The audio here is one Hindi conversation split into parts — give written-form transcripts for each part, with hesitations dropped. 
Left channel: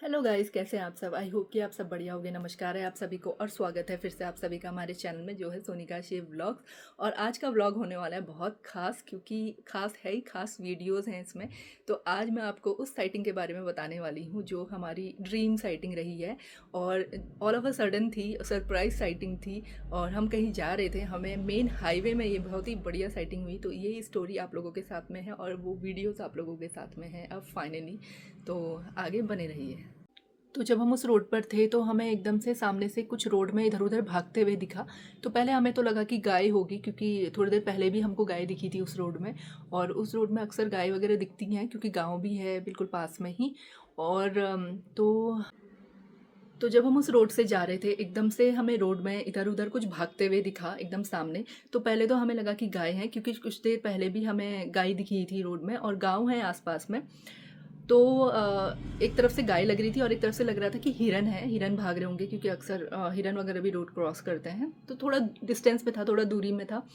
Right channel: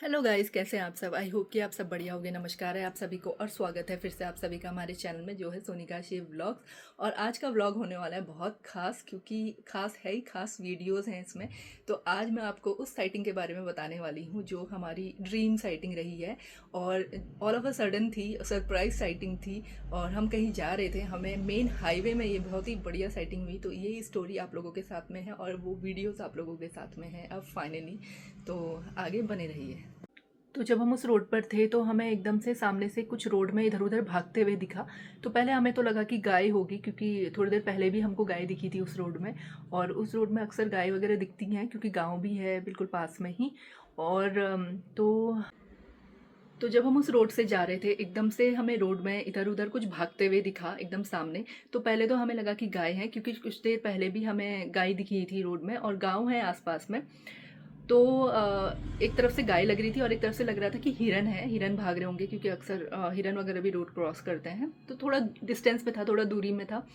हेलो गाइस, कैसे हैं आप सब। आई होप कि आप सब बढ़िया होंगे। नमस्कार है आप सभी को और स्वागत है फिर से आप सभी का हमारे चैनल में जो है सोनिका शिव व्लॉग्स। और आज का व्लॉग होने वाला है बहुत खास, क्योंकि खास है ही, खास वीडियोस हैं इसमें। तो आज मैं आपको उस साइटिंग के बारे में बताने वाली हूँ जो हमारी ड्रीम साइटिंग रही है और ऑल ऑफ अ सडन थी, सरप्राइज साइटिंग थी। और हम कहीं जा रहे थे, हमें मेन हाईवे में ये बहुत ही बढ़िया साइटिंग हुई। तो यही स्टोरी आप लोगों के साथ में है और वो वीडियोज़ आप लोगों के साथ में है अब फाइनली। तो आगे बने रहिए। तो जब हम उस रोड पर थे तो हमें एकदम से सामने से कुछ रोड में इधर उधर भागते हुए दिखा। तो पहले हमें तो लगा कि गाय होगी, क्योंकि थोड़ी देर पहले भी हमको गाय दिखी थी उस रोड में। और उस रोड में अक्सर गाय वगैरह दिखती हैं क्योंकि गांव भी है बिल्कुल पास में ही। और तो जब हम उस रोड से जा रहे थे एकदम से हमें रोड में इधर उधर कुछ भागते हुए दिखा एकदम सामने। तो पहले तो हमें लगा कि गाय है, क्योंकि कुछ देर पहले भी हमें गाय दिखी थी रोड में और गाँव है आसपास में। तो एक तरफ से गाय लग रही थी और एक तरफ से लग रहा था कि हिरन है, हिरन भाग रहे होंगे, क्योंकि अक्सर हिरन वगैरह भी रोड क्रॉस करते हैं। तो थोड़ा डिस्टेंस पे था, थोड़ा दूरी में था।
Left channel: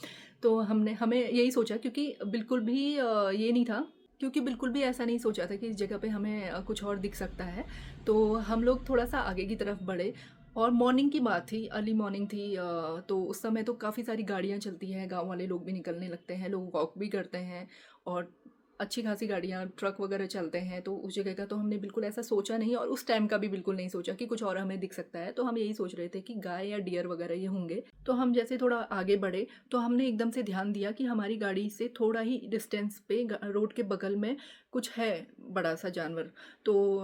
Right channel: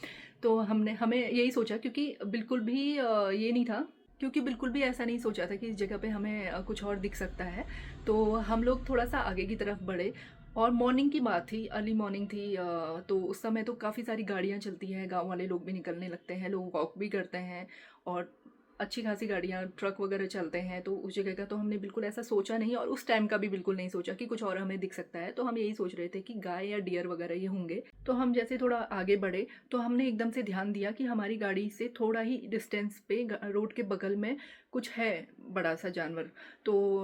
तो हमें यही सोचा, क्योंकि बिल्कुल भी ये नहीं था, क्योंकि बिल्कुल भी ऐसा नहीं सोचा था कि इस जगह पे हमें कुछ और दिख सकता है। तो हम लोग थोड़ा सा आगे की तरफ बढ़े। और मॉर्निंग की बात थी, अर्ली मॉर्निंग थी। तो उस समय तो काफ़ी सारी गाड़ियाँ चलती हैं, गांव वाले लोग भी निकलने लगते हैं, लोग वॉक भी करते हैं। और अच्छी खासी गाड़ियाँ, ट्रक वगैरह चलते हैं। तो उस जगह का तो हमने बिल्कुल ऐसा सोचा नहीं, और उस टाइम का भी बिल्कुल नहीं सोचा कि कुछ और हमें दिख सकता है। तो हम यही सोच रहे थे कि गाय या डियर वगैरह ये होंगे। तो हम जैसे थोड़ा आगे बढ़े तो हमने एकदम से ध्यान दिया कि हमारी गाड़ी से थोड़ा ही डिस्टेंस पे रोड के बगल में कुछ है, बड़ा सा जानवर। तो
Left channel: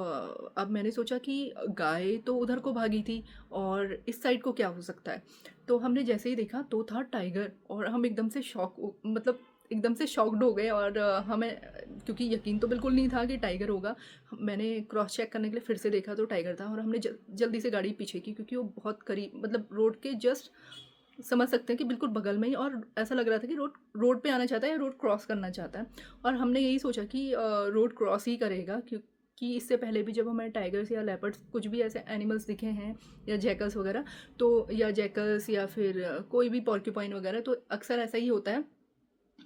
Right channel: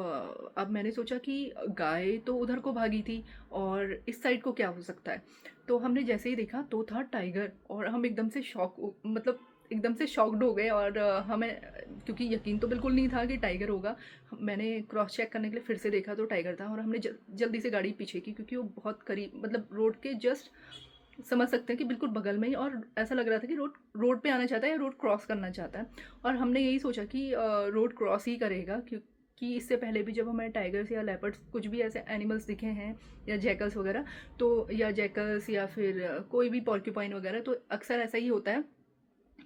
अब मैंने सोचा कि गाय तो उधर को भागी थी और इस साइड को क्या हो सकता है। तो हमने जैसे ही देखा तो था टाइगर, और हम एकदम से मतलब एकदम से शॉक्ड हो गए। और हमें, क्योंकि यकीन तो बिल्कुल नहीं था कि टाइगर होगा। मैंने क्रॉस चेक करने के लिए फिर से देखा तो टाइगर था। और हमने जल्दी से गाड़ी पीछे की, क्योंकि वो बहुत करीब, मतलब रोड के जस्ट समझ सकते हैं कि बिल्कुल बगल में ही। और ऐसा लग रहा था कि रोड रोड पे आना चाहता है या रोड क्रॉस करना चाहता है। और हमने यही सोचा कि रोड क्रॉस ही करेगा, क्योंकि इससे पहले भी जब हमें टाइगर्स या लेपर्ड्स कुछ भी ऐसे एनिमल्स दिखे हैं, या जैकल्स वगैरह, तो या जैकल्स या फिर कोई भी पॉर्क्यूपाइन वगैरह, तो अक्सर ऐसा ही होता है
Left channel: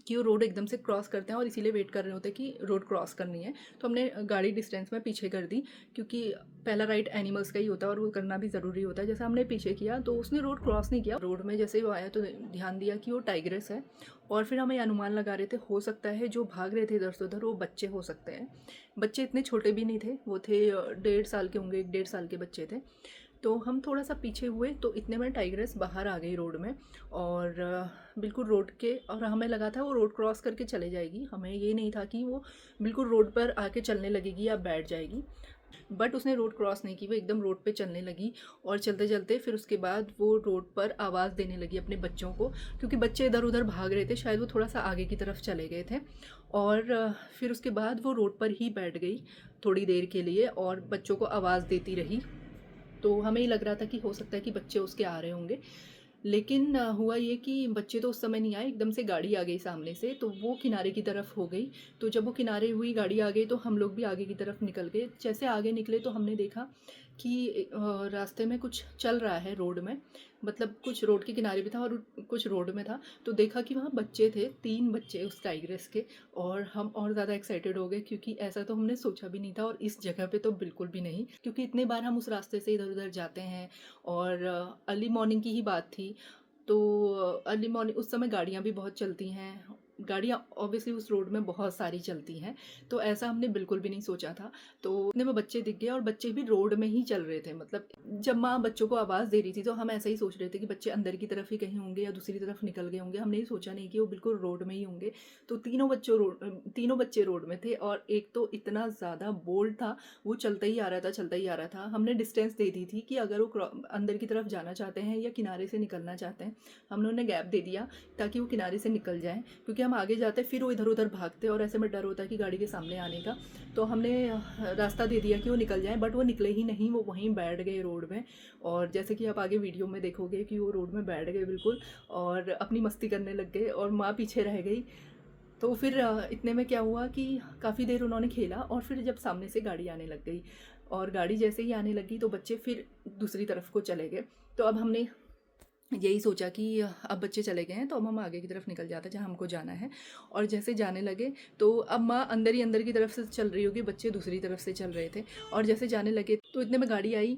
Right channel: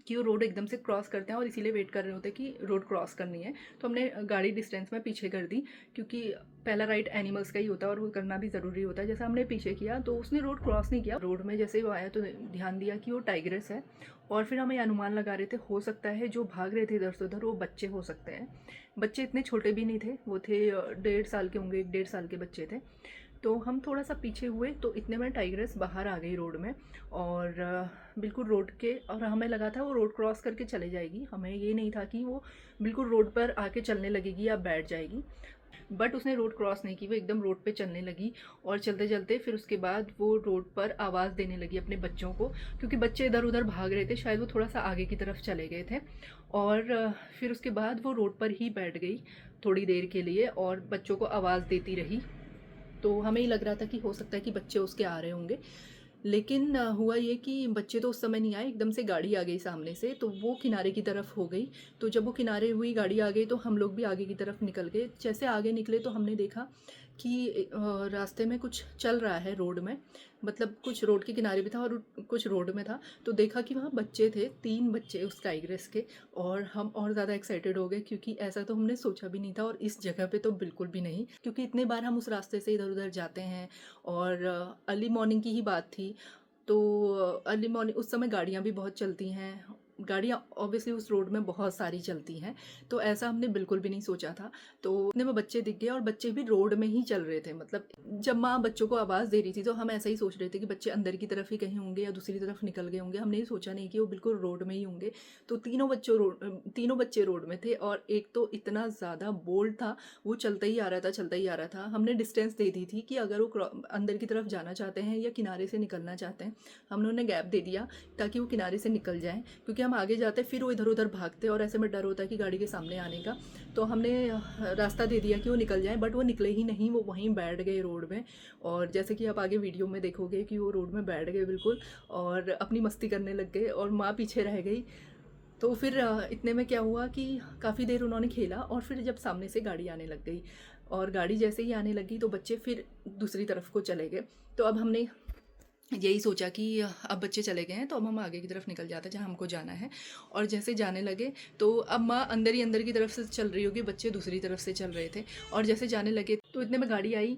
कि वो रोड एकदम से क्रॉस करते हैं और इसीलिए वेट कर रहे होते हैं कि रोड क्रॉस करनी है। तो हमने गाड़ी डिस्टेंस में पीछे कर दी, क्योंकि पहला राइट एनिमल्स का ही होता है और वो करना भी ज़रूरी होता है। जैसा हमने पीछे किया तो उसने रोड क्रॉस नहीं किया। रोड में जैसे ही वो आया तो ध्यान दिया कि वो टाइग्रेस है। और फिर हमें अनुमान लगा रहे थे, हो सकता है जो भाग रहे थे इधर से उधर वो बच्चे हो सकते हैं। बच्चे इतने छोटे भी नहीं थे, वो थे 1.5 साल के होंगे, 1.5 साल के बच्चे थे। तो हम थोड़ा सा पीछे हुए तो इतने में टाइग्रेस बाहर आ गई रोड में। और बिल्कुल रोड के, और हमें लगा था वो रोड क्रॉस करके चले जाएगी, हमें ये नहीं था कि वो बिल्कुल रोड पर आके चलने लगेगी या बैठ जाएगी। बट उसने रोड क्रॉस नहीं की, वो एकदम रोड पे चलने लगी। और चलते चलते फिर उसके बाद वो रोड पर आवाज़ देने लगी अपने बच्चों को, क्योंकि बच्चे इधर उधर भाग रहे थे, शायद वो थोड़ा सा आगे की तरफ चले गए थे। और फिर उसके बाद वो रोड पर ही बैठ गई थोड़ी देर के लिए और बच्चों को आवाज़ देती रही। तो हमें ही लग रहा था कि हो सकता है कि बच्चे उसके आ रहे होंगे। लेकिन हुआ ये कि बच्चे तो उस समय नहीं आए, एकदम से गाड़ी आ गई सामने से, तो वो किनारे की तरफ हो गई। तो जब वो किनारे हुई, गाड़ी आ गई, तो हम लोग भी आगे की तरफ निकल गए। जैसे आगे निकले तो हमने देखा कि रास्ते में कुछ चल रहा है रोड में, मतलब कुछ रोड के किनारे भी था और कुछ रोड में था। तो देखा कि वहाँ बच्चे थे, 3 बच्चे उस टाइग्रेस के। और हम और ज़्यादा एक्साइटेड हो गए, क्योंकि ऐसा तो हमने सोचा भी नहीं था, और इस जगह पे तो बिल्कुल भी नहीं, क्योंकि इतने बार हम उस रास्ते से इधर उधर जाते हैं। और अर्ली मॉर्निंग की ही बात थी। तो अर्ली मॉर्निंग उस समय गाड़ियाँ भी बहुत चलती हैं, गाड़ियाँ ऑब्वियसली उस रोड में बहुत सारी चलती हैं। तो ऐसा हमने बिल्कुल भी नहीं सोचा था। तो इतने में बच्चे दिख गए और बच्चे भी रोड में ही चल रहे थे। मतलब जब माँ बच्चों को आवाज़ दे रही थी तो हम ऐसा ही सोच रहे थे कि बच्चे अंदर की तरफ ही कहीं होंगे या दूसरी तरफ निकल गए होंगे। हमने ये सोचा नहीं कि वो बिल्कुल रोड में ही होंगे। तो तीनों बच्चे रोड में थे, और एक तो इतना ज़्यादा बोल्ड था, वो चलता ही आ रहा था, चलता ही आ रहा था। हमने डिस्टेंस दे दी थी कि अगर वो अंदर की तरफ जाना चाहते हैं या किनारे से निकलना चाहते हैं, हमने उन्हें गैप दे दिया ताकि वो किनारे से निकल जाएं, क्योंकि हम आगे जाते फिर वो इधर उधर भागते और ऐसे में डर होता है कि गाड़ी के सामने आने का। तो हमने रास्ता दे दिया कि वो निकल जाएं, बट वो निकले ही नहीं, वो वहीं बैठ गए रोड में। और जैसे कि आप आगे वीडियो में देखोगे कि वो रोड में बैठ गए बिल्कुल, और अपनी मस्ती करने लग गए, और माँ पीछे रह गई। तो फिर इतने में क्या हुआ कि काफ़ी देर उन्होंने खेला, और फिर जब सामने से गाड़ी आने लग गई, और गाड़ी जैसे ही आने लगी तो बच्चे फिर दूसरी तरफ को चले गए। तो अब हमने यही सोचा कि अब बच्चे चले गए हैं तो अब हम आगे की तरफ निकल जाते हैं जहाँ हमको जाना है। और जैसे जाने लगे तो अब माँ अंदर ही अंदर की तरफ से चल रही होगी, बच्चे दूसरी तरफ से चल रहे थे। और जैसे जाने लगे तो इतने में गाड़ी आई,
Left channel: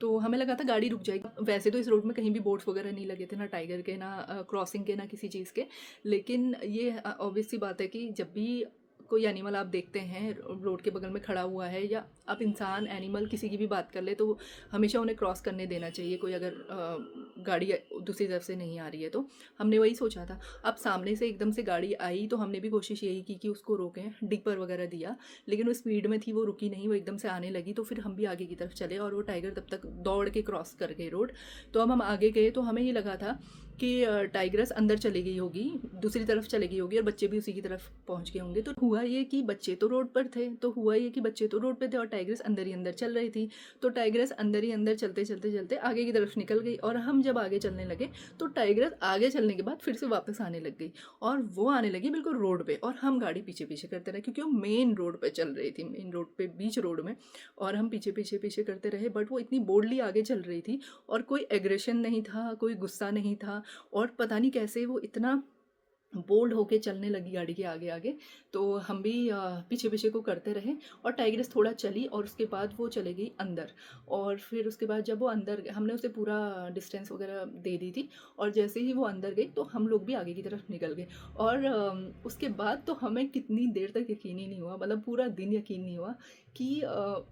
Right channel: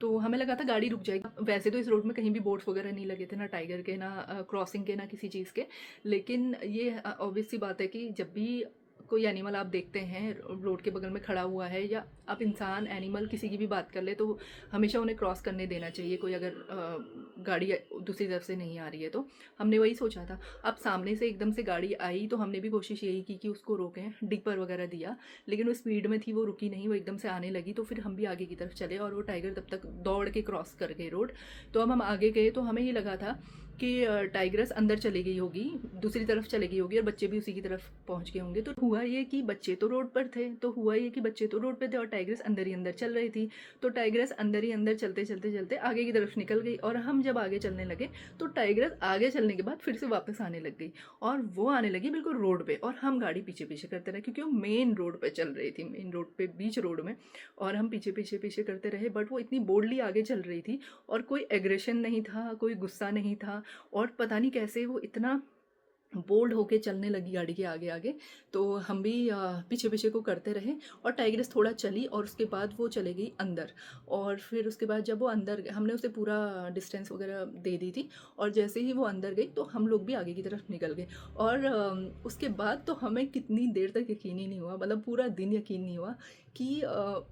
तो हमें लगा था गाड़ी रुक जाएगी। वैसे तो इस रोड में कहीं भी बोर्ड्स वगैरह नहीं लगे थे, ना टाइगर के, ना क्रॉसिंग के, ना किसी चीज़ के। लेकिन ये ऑब्वियस सी बात है कि जब भी कोई एनिमल आप देखते हैं रोड के बगल में खड़ा हुआ है, या आप इंसान एनिमल किसी की भी बात कर ले, तो हमेशा उन्हें क्रॉस करने देना चाहिए, कोई अगर गाड़ी दूसरी तरफ से नहीं आ रही है तो। हमने वही सोचा था। अब सामने से एकदम से गाड़ी आई तो हमने भी कोशिश यही की कि उसको रोकें, डिपर वगैरह दिया, लेकिन वो स्पीड में थी, वो रुकी नहीं, वो एकदम से आने लगी। तो फिर हम भी आगे की तरफ चले और वो टाइगर तब तक दौड़ के क्रॉस कर गई रोड। तो अब हम आगे गए तो हमें ये लगा था कि टाइग्रेस अंदर चली गई होगी, दूसरी तरफ चली गई होगी और बच्चे भी उसी की तरफ पहुंच गए होंगे। तो हुआ ये कि बच्चे तो रोड पर थे, तो हुआ ये कि बच्चे तो रोड पे थे और टाइग्रेस अंदर ही अंदर चल रही थी। तो टाइग्रेस अंदर ही अंदर चलते चलते चलते आगे की तरफ निकल गई, और हम जब आगे चलने लगे तो टाइग्रेस आगे चलने के बाद फिर से वापस आने लग गई, और वो आने लगी बिल्कुल रोड पे, और हम गाड़ी पीछे पीछे करते रहे क्योंकि वो मेन रोड पे चल रही थी, मेन रोड पे, बीच रोड में। और हम पीछे पीछे पीछे करते रहे, बट वो इतनी बोल्डली आगे चल रही थी और कोई एग्रेशन नहीं था, कोई गुस्सा नहीं था, और पता नहीं कैसे वो इतना बोल्ड होके चलने लगी गाड़ी के आगे आगे। तो हम भी पीछे पीछे को करते रहे, और टाइग्रेस थोड़ा चली और उसके बाद वो चले गई अंदर। और फिर उसके बाद जब वो अंदर, हमने उसे पूरा डिस्टेंस वगैरह दे दी थी, और जैसे ही वो अंदर गई तो हम लोग भी आगे की तरफ निकल गए। और उसके बाद तो हमें कितनी देर तक यकीन ही नहीं हुआ, मतलब पूरा दिन यकीन नहीं हुआ कि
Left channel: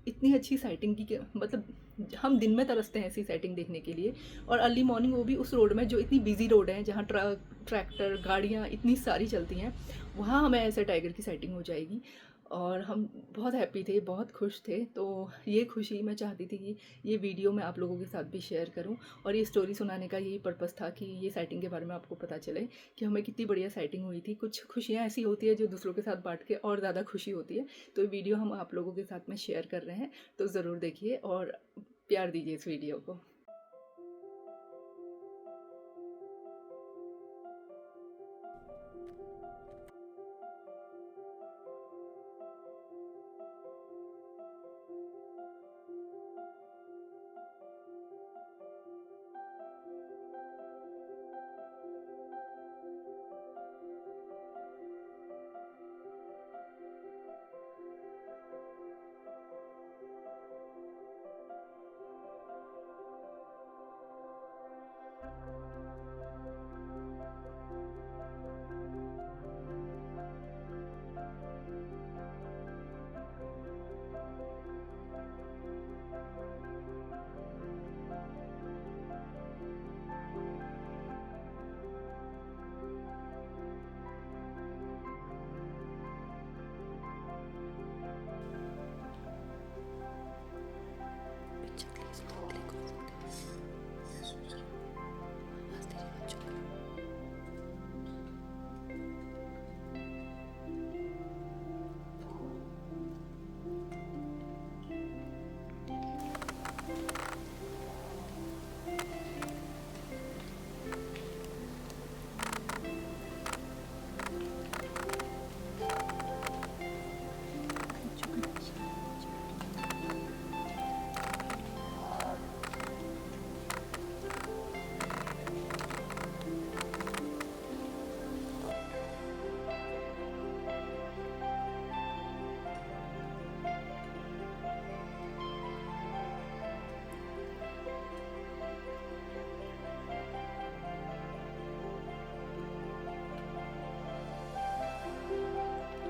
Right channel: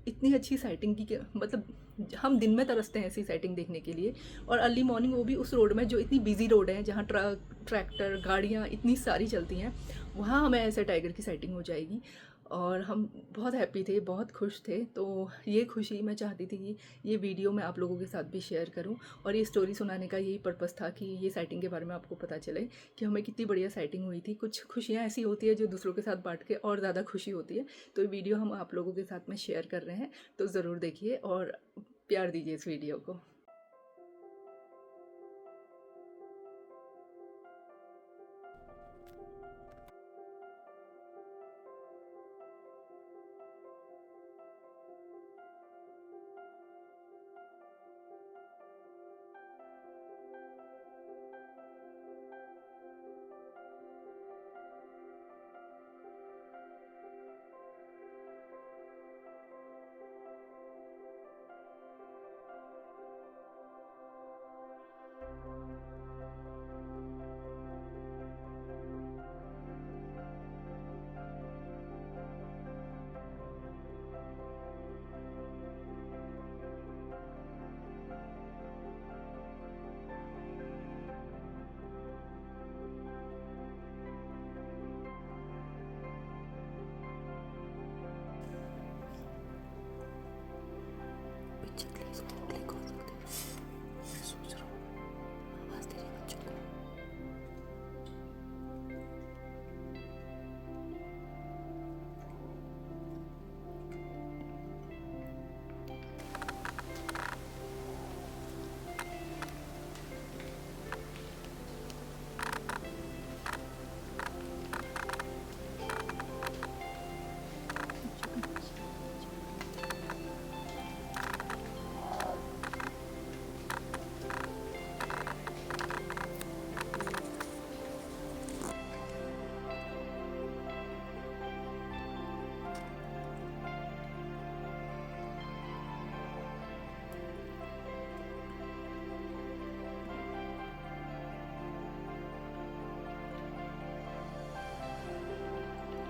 इतनी अच्छी साइटिंग की, मतलब हम दिन में तरसते हैं ऐसी साइटिंग देखने के लिए, और अर्ली मॉर्निंग, वो भी उस रोड में जो इतनी बिजी रोड है, जहाँ ट्रक, ट्रैक्टर, गाड़ियाँ इतनी सारी चलती हैं, वहाँ हमें ऐसे टाइगर की साइटिंग हो जाएगी। और हम बहुत हैप्पी थे, बहुत खुश थे। तो ये खुशी मैं चाहती थी कि ये वीडियो मैं आप लोगों के साथ भी शेयर करूं, और ये स्टोरी सुनाने का यही पर्पस था कि ये साइटिंग के बारे में आपको पता चले कि हमें कितनी बढ़िया साइटिंग हुई थी। कुछ खुशियाँ ऐसी होती है जो दूसरों के साथ बांट के और ज़्यादा खुशी होती है। तो ये वीडियो हम आप लोगों के साथ में शेयर कर रहे हैं, तो ज़रूर देखिए और प्यार दीजिए इस वीडियो को।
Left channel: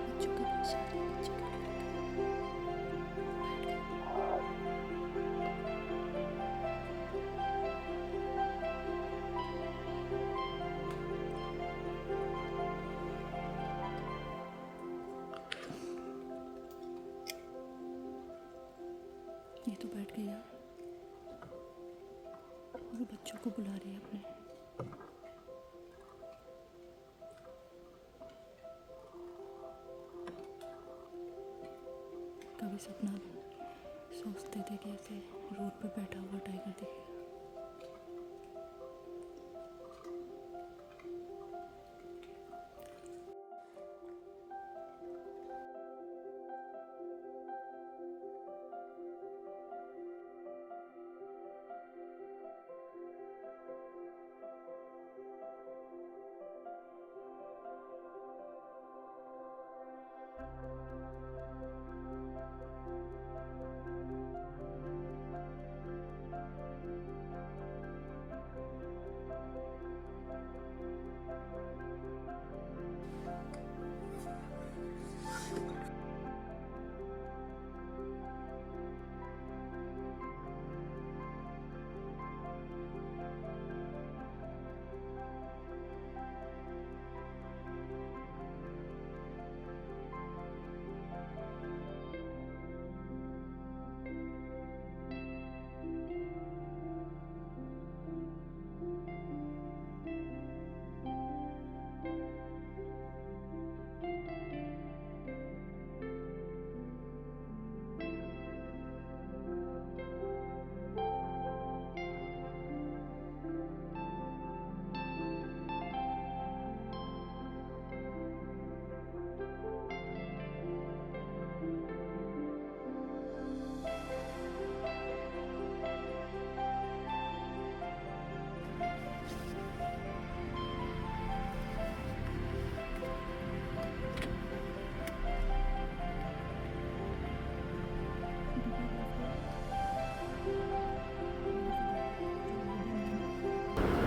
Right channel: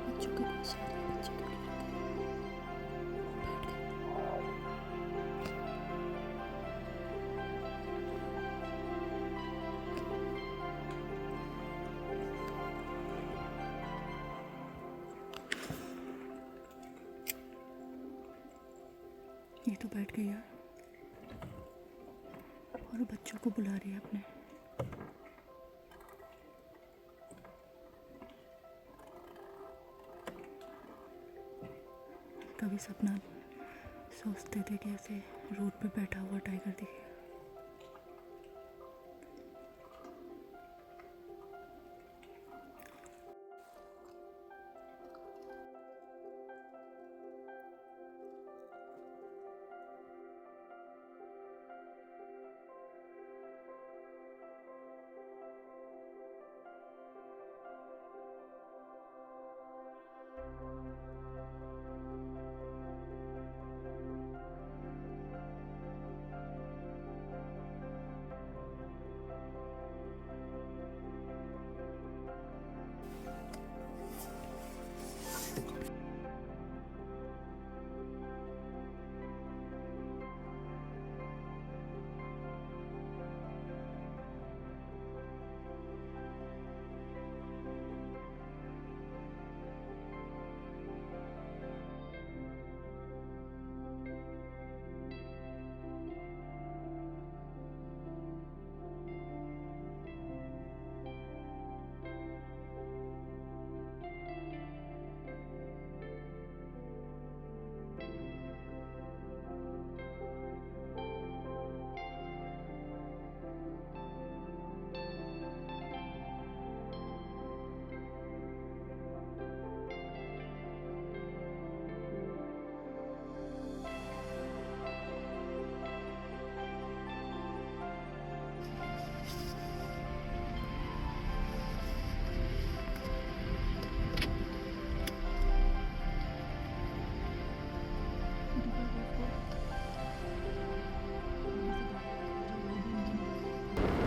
बच्चों के पास बच्चे तो ये तो बैठ गई यार, और बच्चों को बुला रही है अपने। कभी सपना सोचते थे कि ऐसे रोड पे बैठा हुआ टाइगर दिखे। थोड़ी सी गाय जो वो भी नहीं निकल रही थी।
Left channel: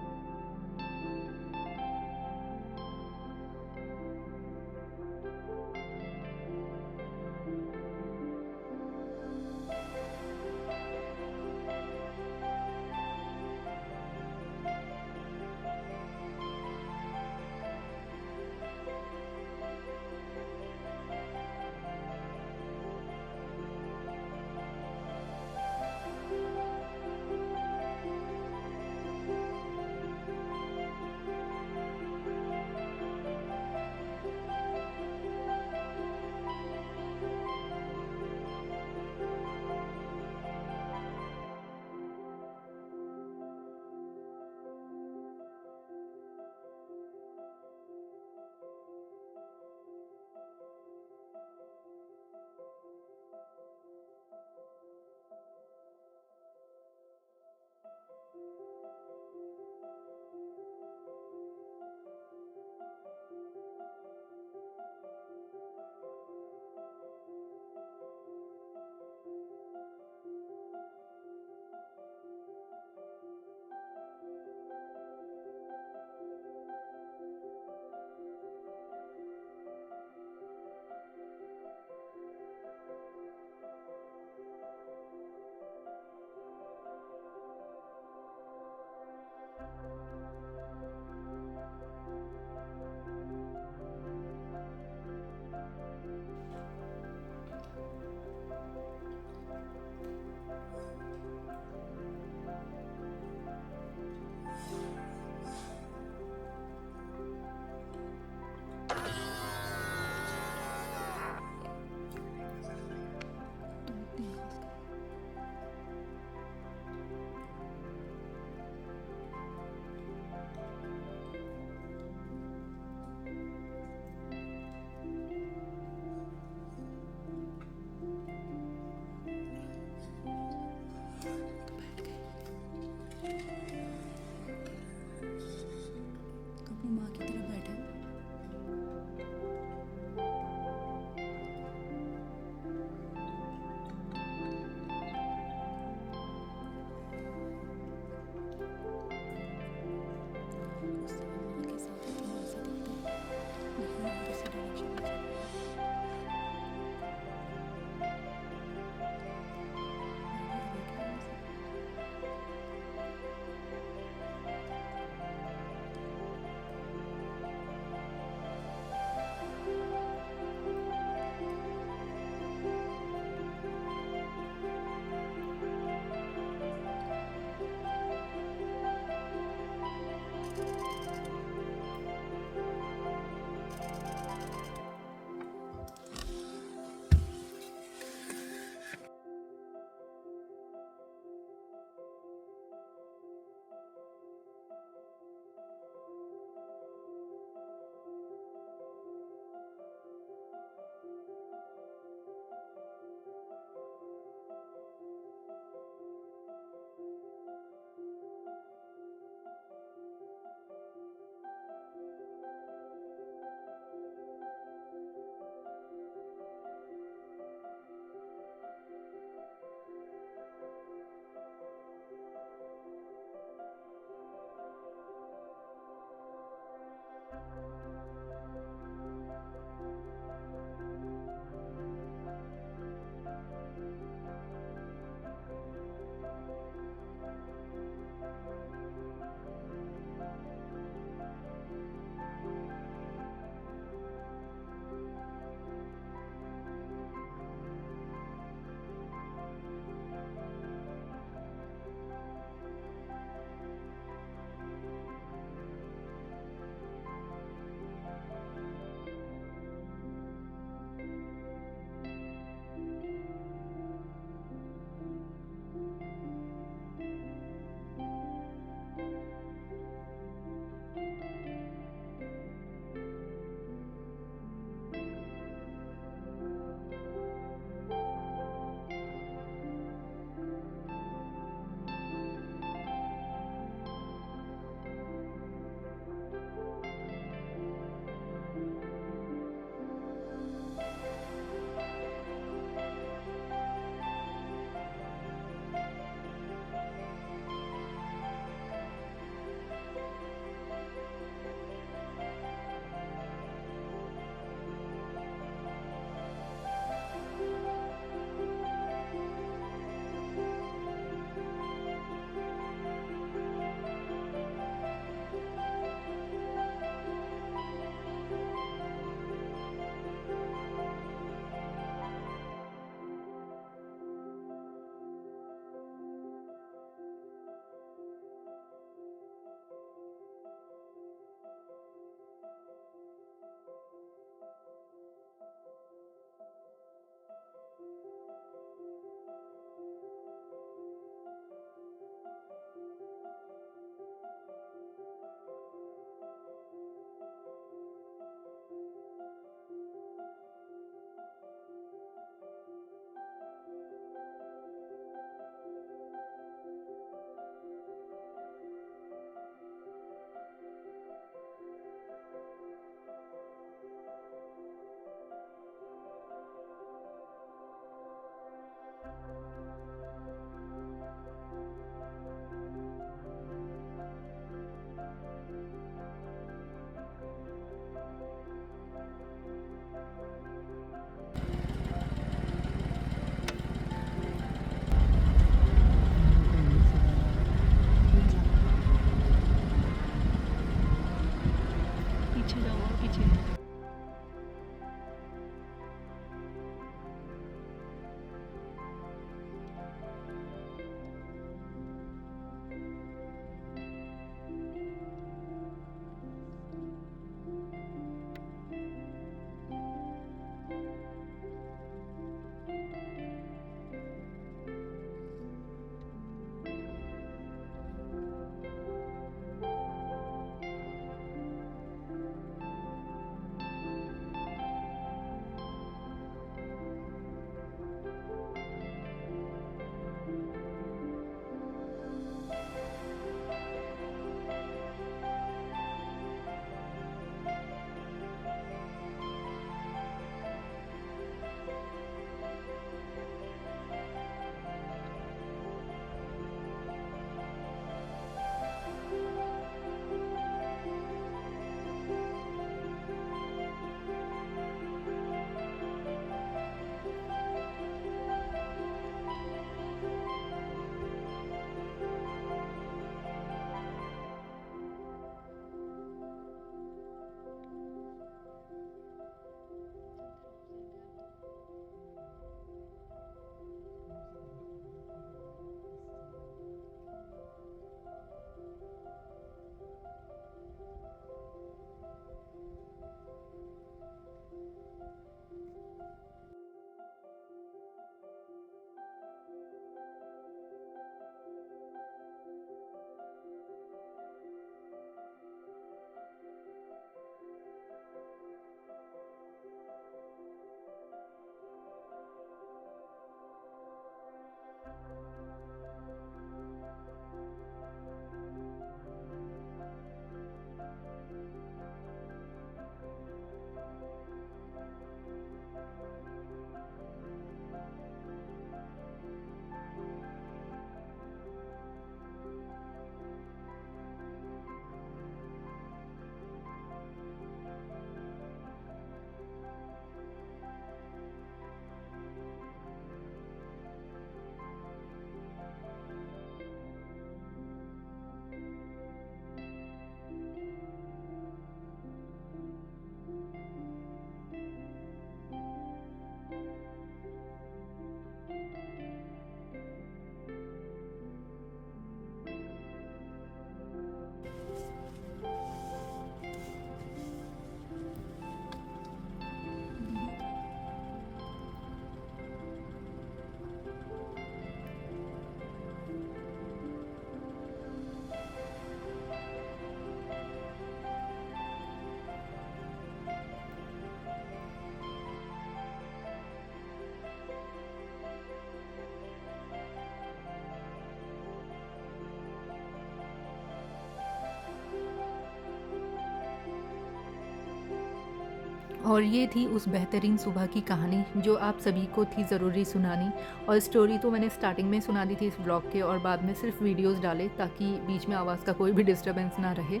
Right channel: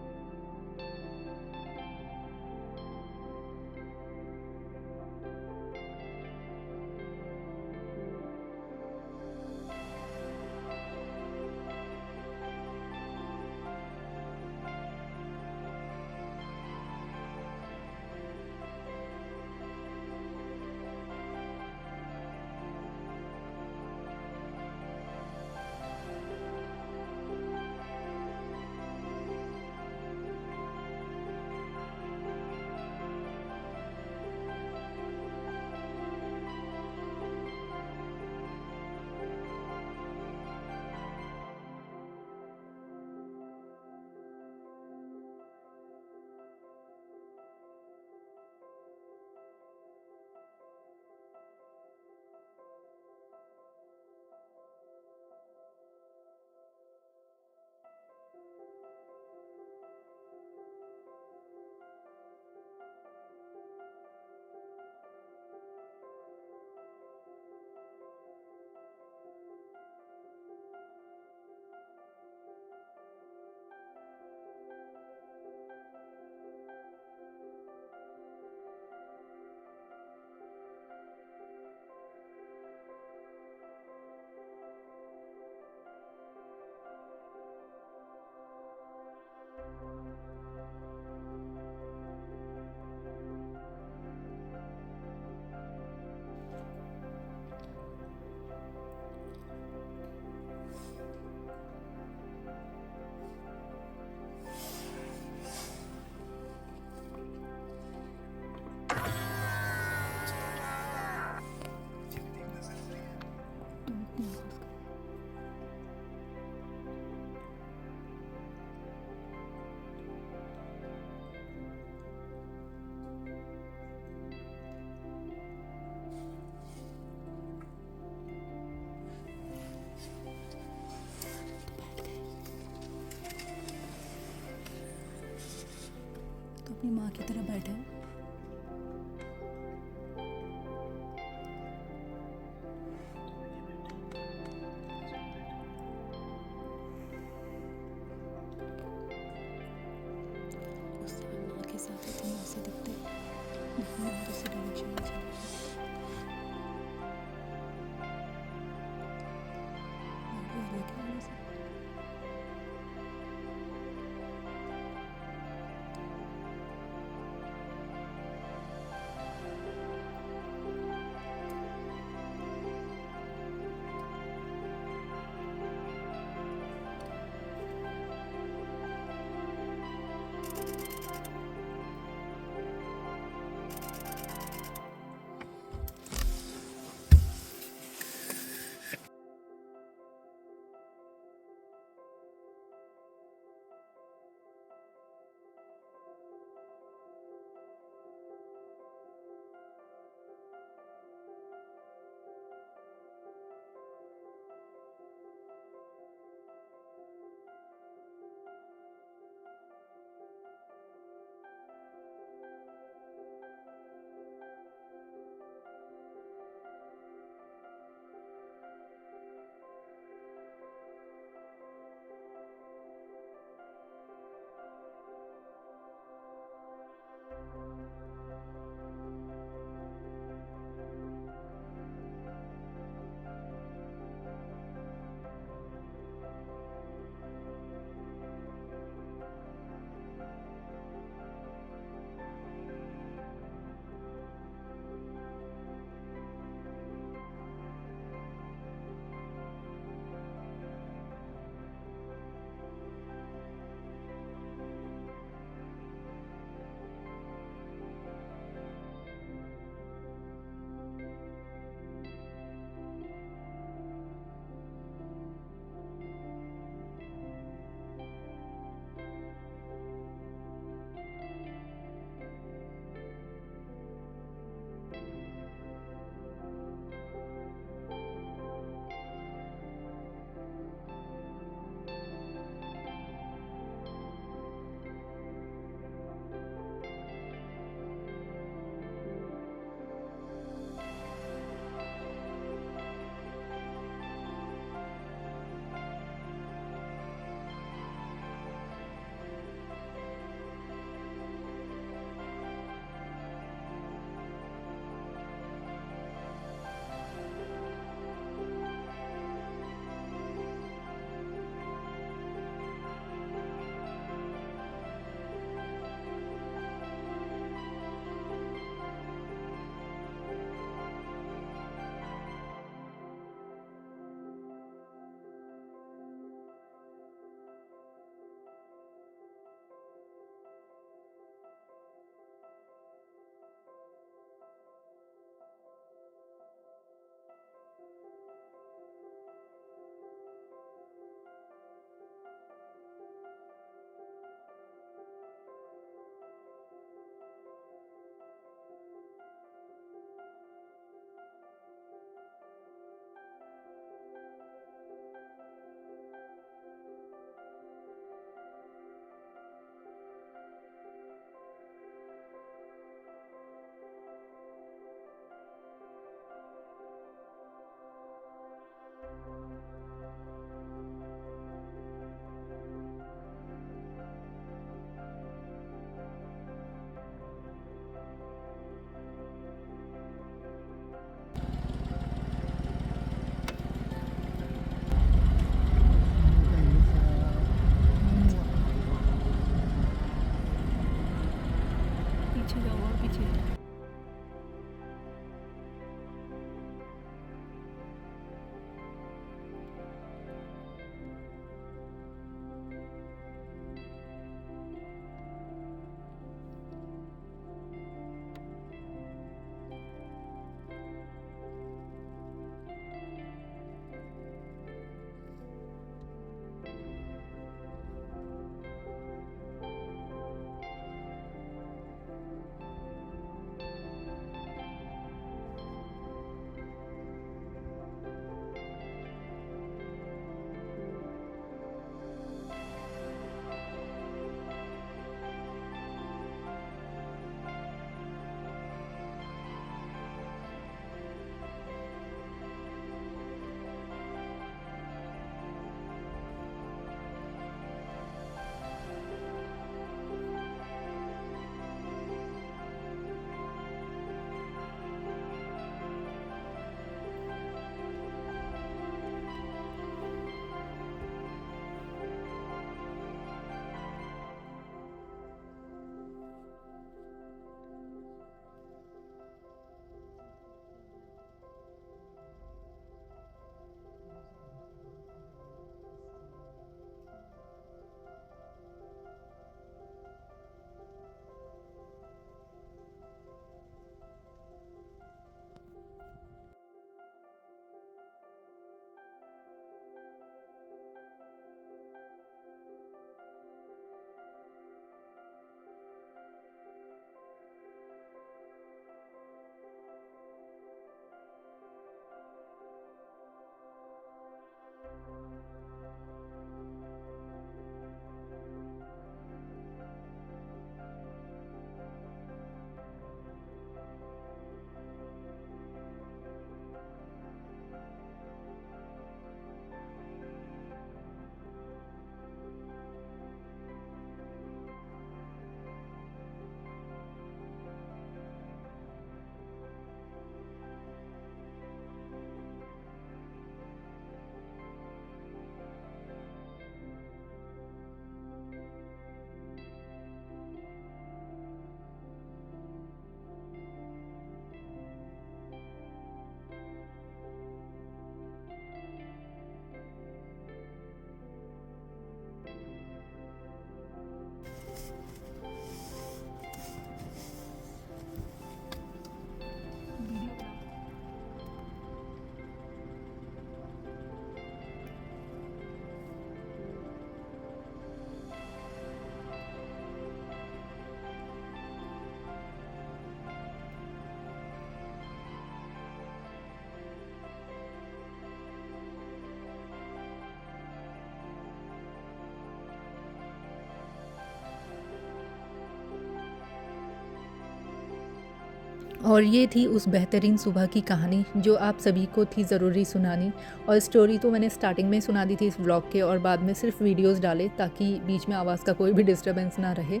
और ये थी उस बेहतरीन सुबह की कहानी जो आप सभी को थी ज़रूरी सुनानी। और स्टोरी तो मैंने स्टार्टिंग में सुना दी थी इस व्लॉग के, और बाद में सिर्फ वीडियोस डाले ताकि बीच में आवाज़ का कोई भी डिस्टर्बेंस ना रहे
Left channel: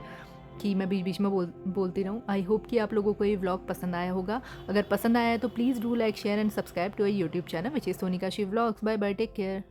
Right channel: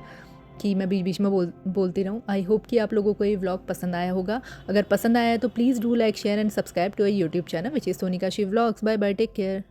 कि मैं बीच बीच में बोलती रहूँ। आई होप कि आप लोगों को ये व्लॉग पसंद आया होगा। अगर पसंद आया है तो please do like share and subscribe to our YouTube channel which is Sonika she vlogs. Bye bye, take care.